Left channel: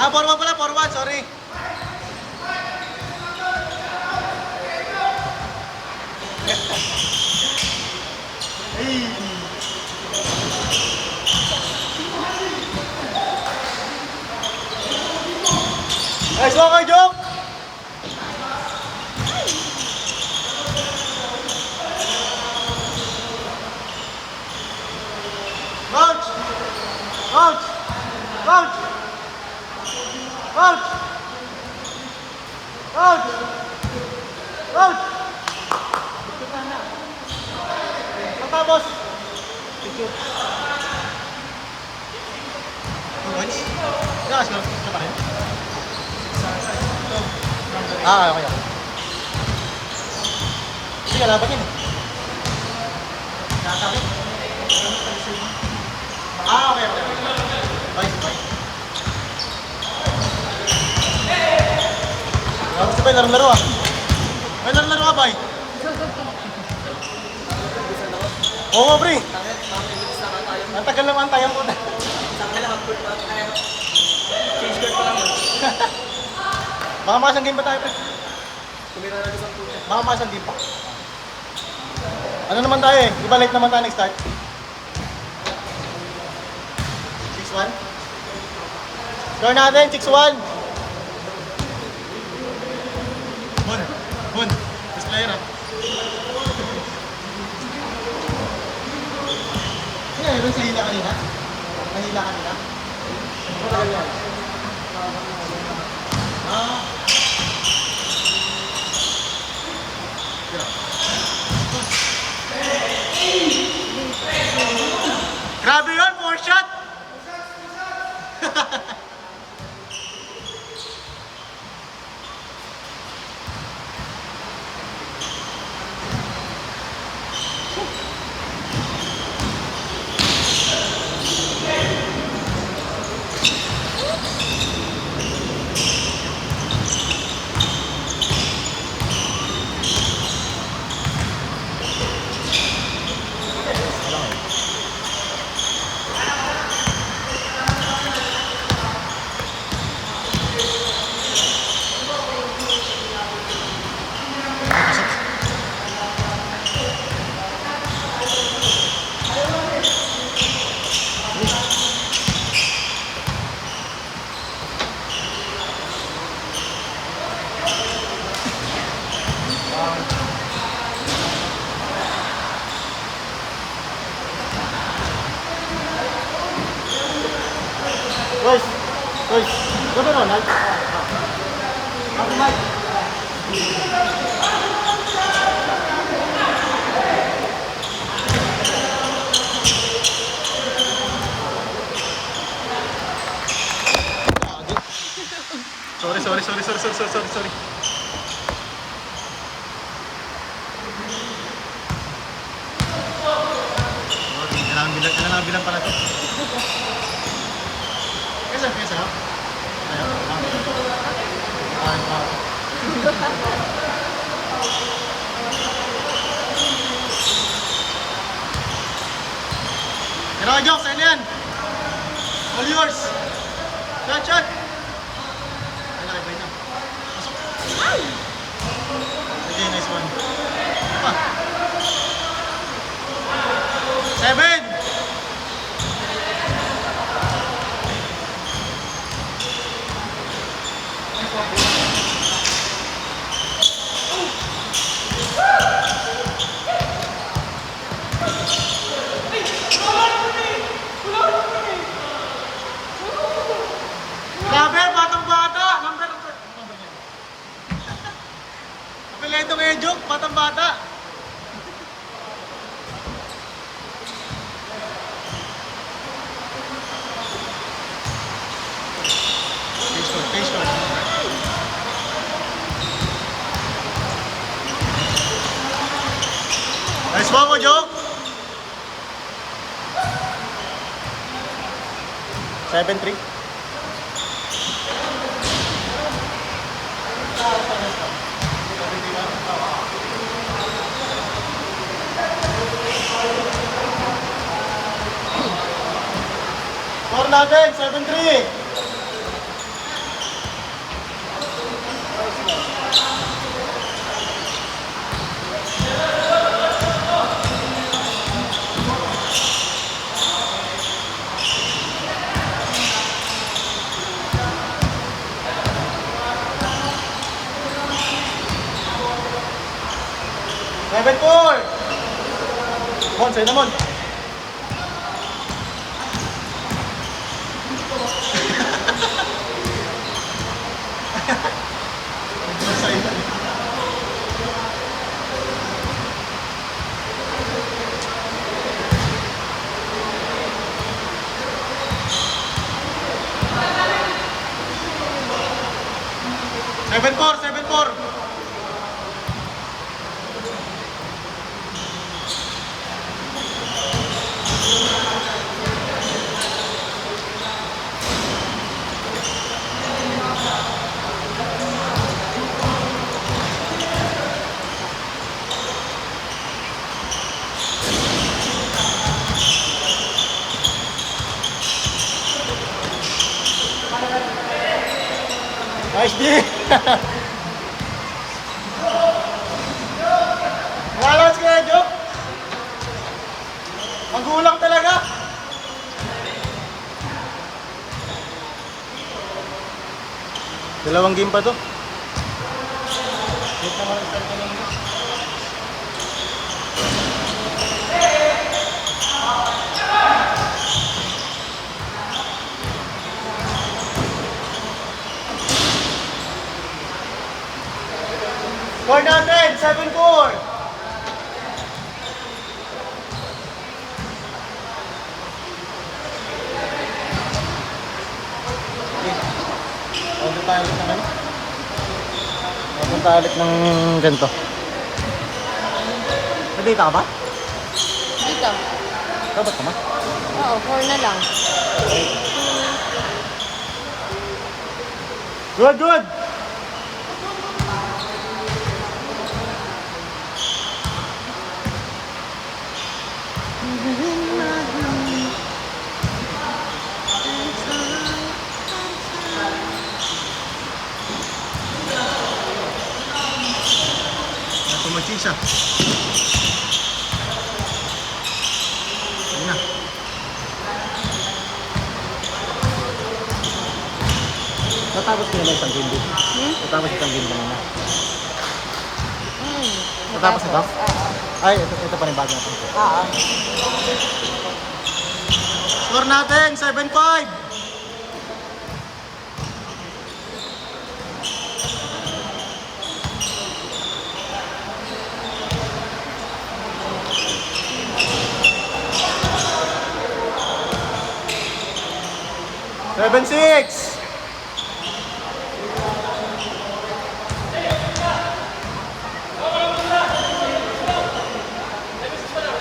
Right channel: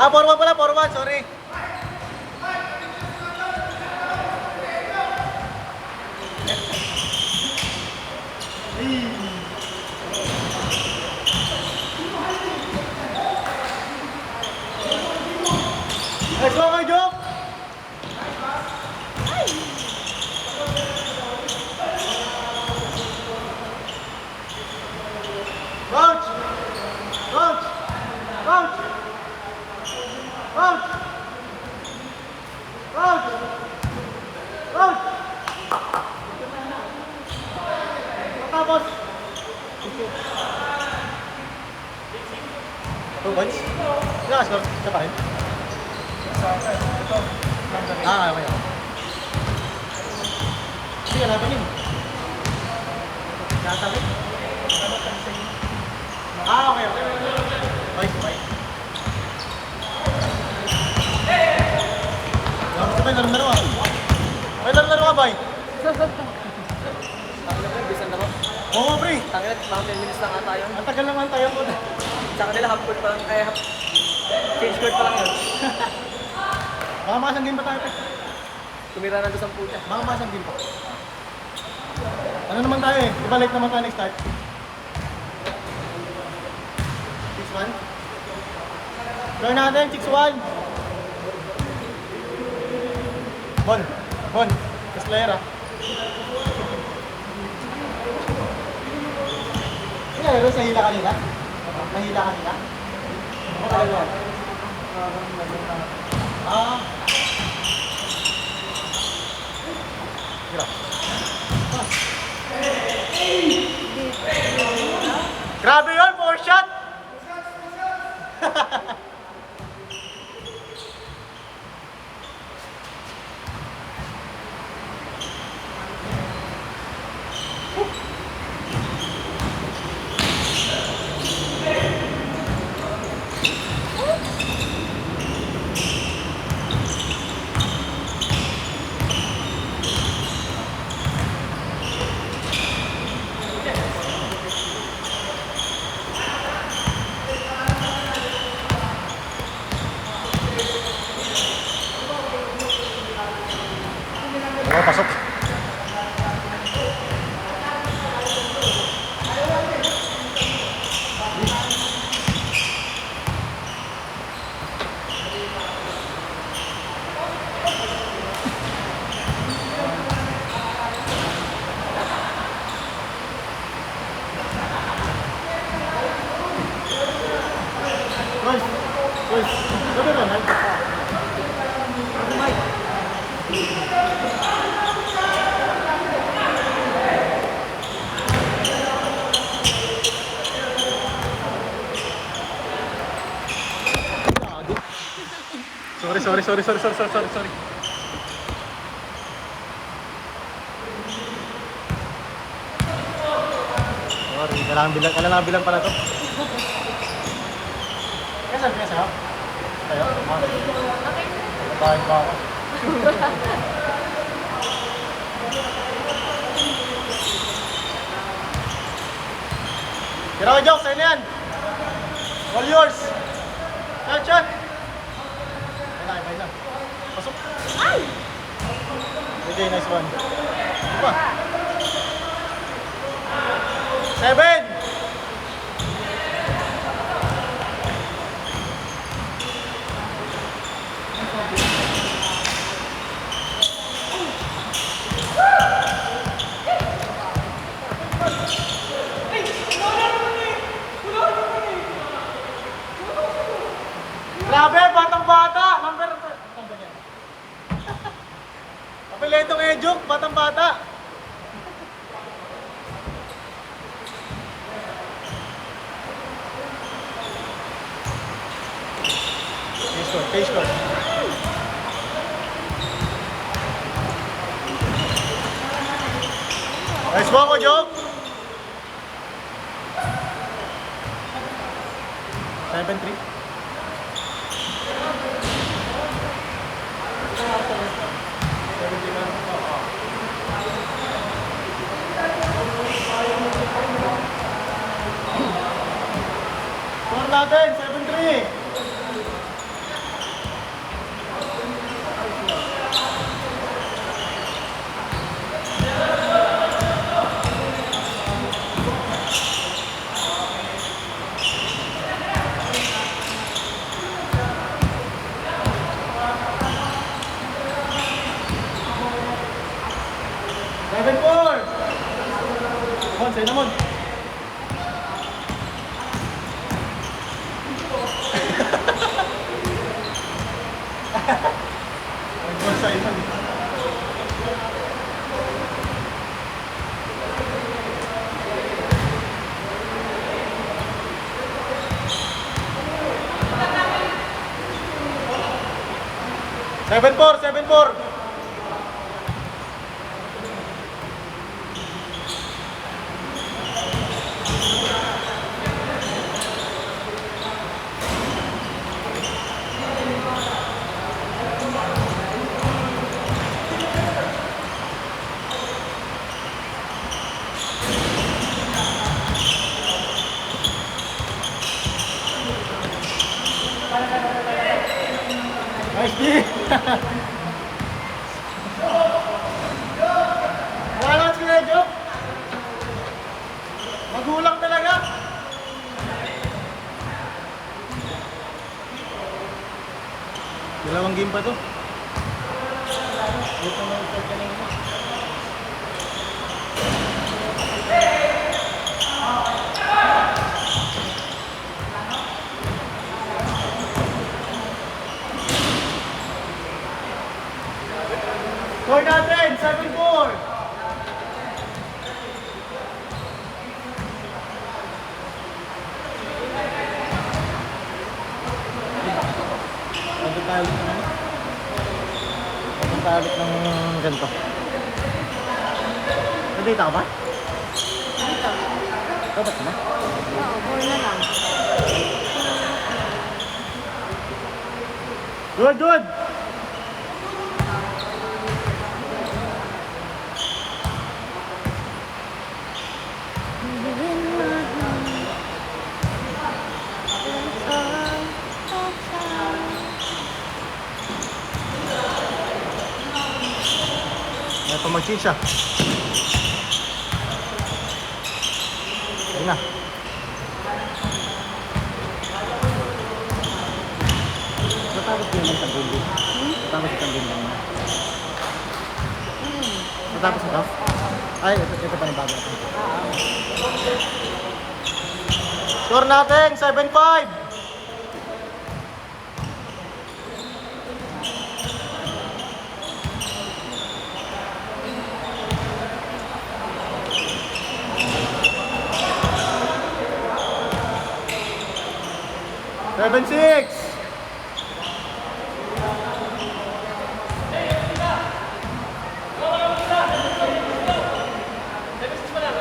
Ah, 4-1 pala, 4-1, sorry. Nice one kay Jok! Coach! Coach! Coach! Coach! Coach! Coach! Tapos! Two points? Ilang score? Ito pa rin? Ah, okay lang. Sige, laban yun. Katabi. Ah, okay, okay. Bye, bye. Sabay, laro-laro ah. May laro-laro ka, bye. Oo, pre. Ang tagal naman tayo. Sa kanila, half-court pa lang. Kaya, change court pa lang yun. Baka makasang game pa tayo, pre. Tumira na sa 10. Baka makasang game pa. Ano naman tayo eh? Di ba late naman tayo nag-start? 6-1? Score natin, 6-1. Bon, Bon. Mas player ah. Sino meron sa hila kanina? Mahila kanina? Ano talaga? Ah. Grabe yun, 4 shot! Oh, pasok. Guys, guys, go doon, Ronald. Ako, Mike. Sorry. Sorry, kailangan bilang pala to. Kasan ako? Tayo? Kain pa ako. Tira ko, Jok, sa'yo na yan. All yours. Shot. Kailangan, ibay na. Pasok. Okay, nice one. Apa? 7. Grabe, batang-bata! Number... Apeleto ngayon, Jok, batang-bata! Face short. Nice one mo, Jok! 7-3. Score natin, 7-3. sa'yo naman. Ay, naman sa'yo. 7-4, 7-4. Nice D. Walang kaya joke. Magulang talaga. Dalawang game pa to. Score natin, 7-4. Punta tayo sa ano? Punta ulit ng ganito. Nandito ka ba? Dito. Dapat na? Oo, 4 na lang. Good, good! May pamagchisa. Ayun na. Natapos ko yung pang-gindi. Natapos yung pang-gindi mo. Natapos ito? Ay, ito pa rin bago natin. Oo. Score natin, 7-5. Seven, 6.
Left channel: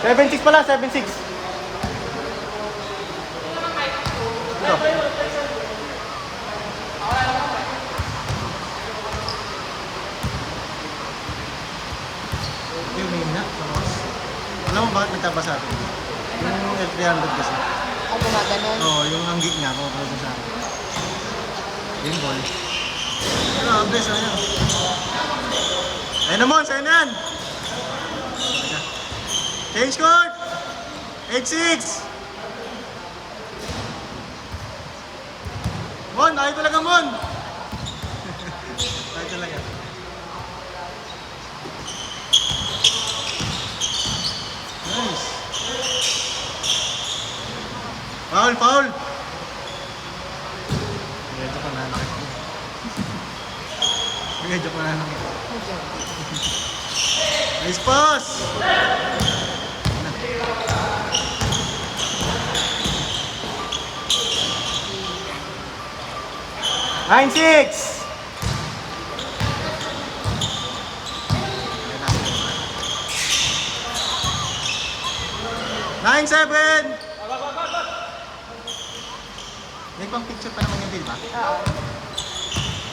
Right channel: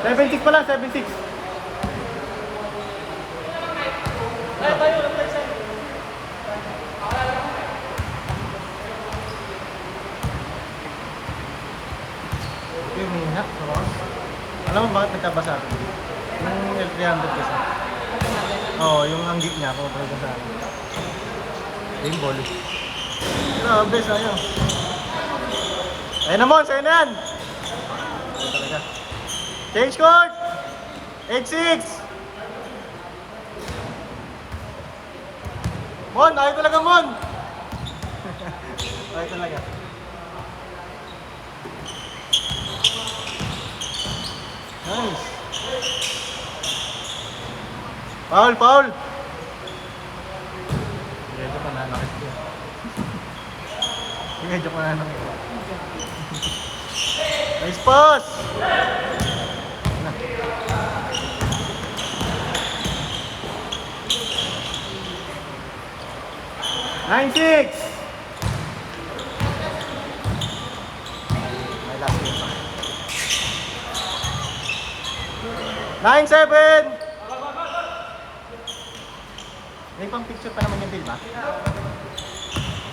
Seven, 6 pala, 7-6. Yung mina, sa bakas. Alam mo bakit nagkabasa ito? Yung L300 kasi. Ako gumagano. Oo, yung anggik niya, pupunta sa akin. Game ball. Grabe, sayang. Ayun naman, sa'yo na yan. Ayun talaga. Change court! 8-6! Mon, ayaw talaga, Mon! Ayaw talaga. Nice. Foul, foul! Medyo ka nanakit niya. Medyo ka nanakit. Nice pass! Na. Nine, 6! Nine, 7! May pang picture pa naman yan, di ba?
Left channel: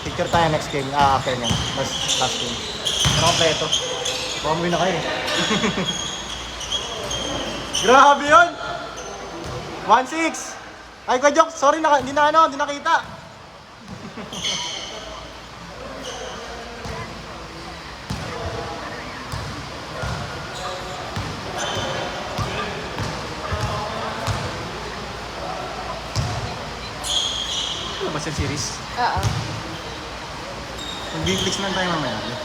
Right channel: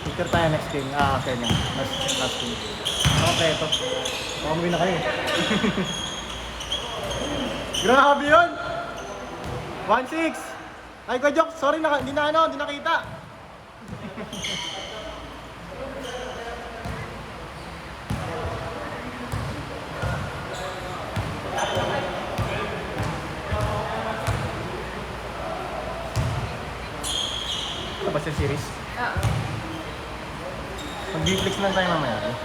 Picture tayo next game, after niya. Last game. Okay, ito. Combi na kayo. Grabe yun! 1-6! Ay, kajok, sorry, hindi nakita. Ano ba siya series? Oo. Mag-B-flex lang tayo mamaya. Pwede.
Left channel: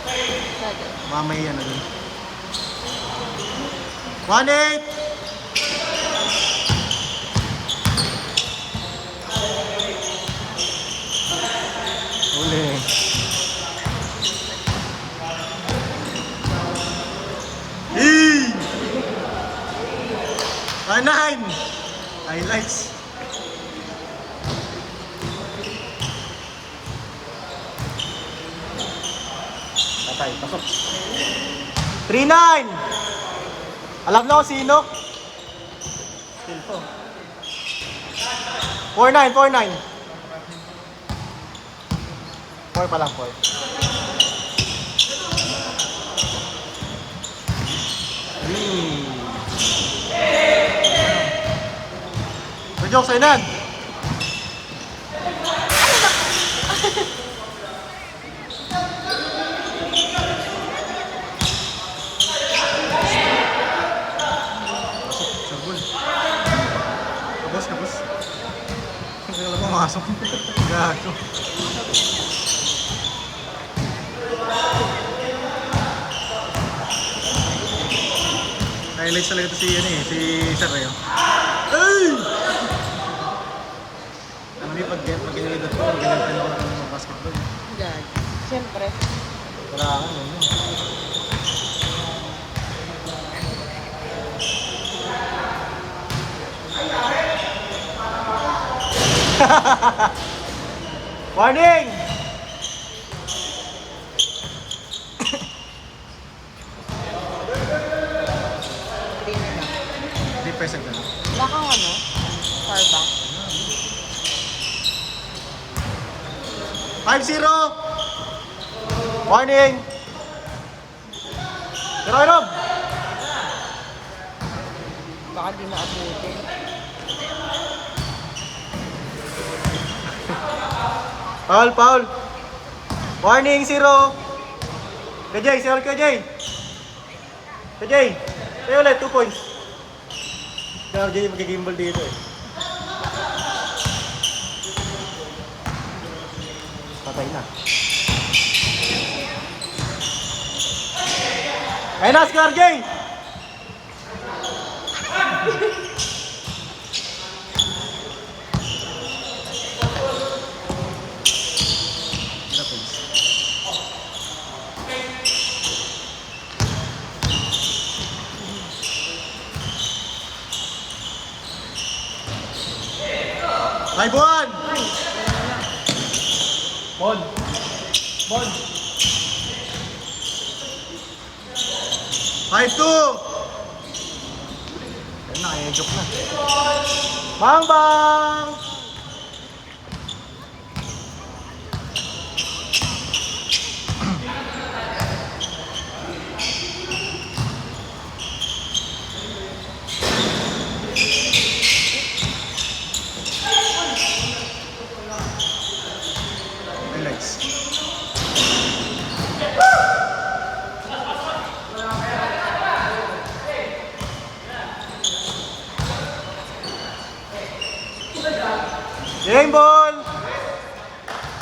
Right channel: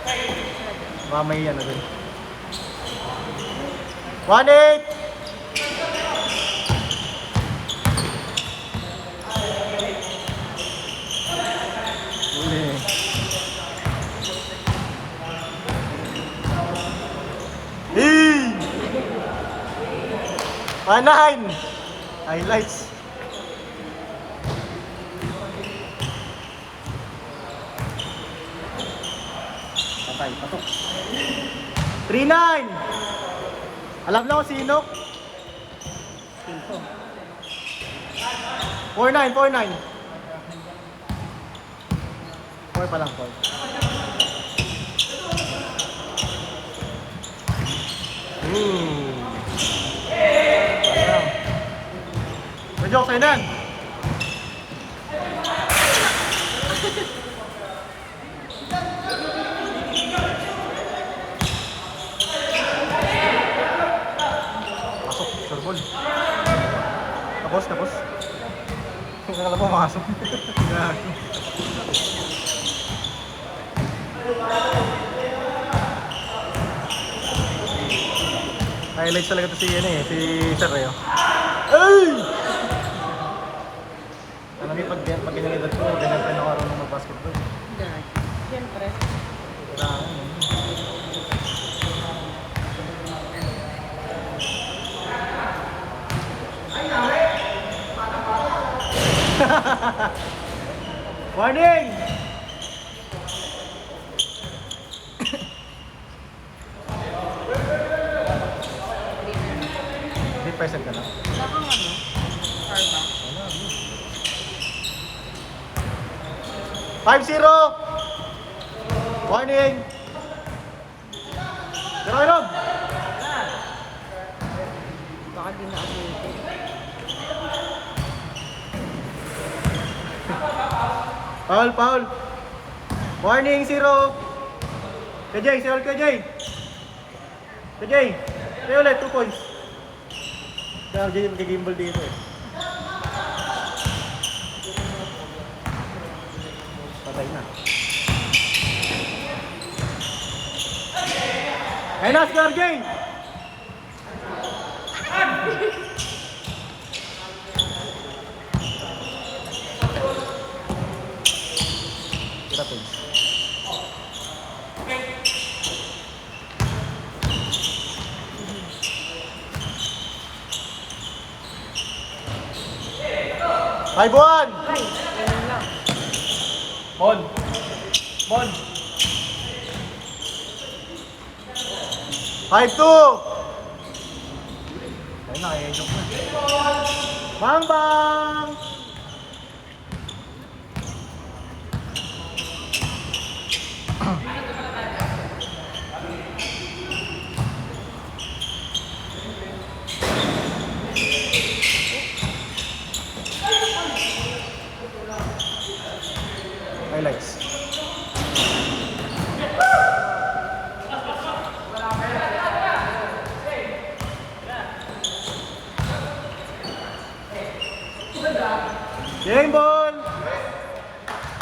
Mamay ano dun. 1-8! 9! Highlights. Okay, pasok. 3-9! Alam na ko sino? 4-9, 4-9. 4 pa lang, 4. Joke sa'yo nan. Pasok, surbol. Kapos, kapos. Kaya ko masok. Gato. Highlights talaga to si Sir Reo. Ay! Alam niyo, pag ganyan edad ko, ganyan pa rin ako marunong mag-basketball. Yan. Siyempre. Wala ako. Warning! 3% na lang. Wala kang ano? Starbucks. 5-0! Warning! Gano'n! Baka di makabutin. Foul, foul! Warning, 0! KJ, sir KJ! KJ! Kaya ulit, 2 points. Pero di mag-gimbal dito eh. Patay na. Ayun na, score game! Tira points. Ay, buwan! Bon. Bon. 5-2! Ayun na, kaya joke na. Bang bang!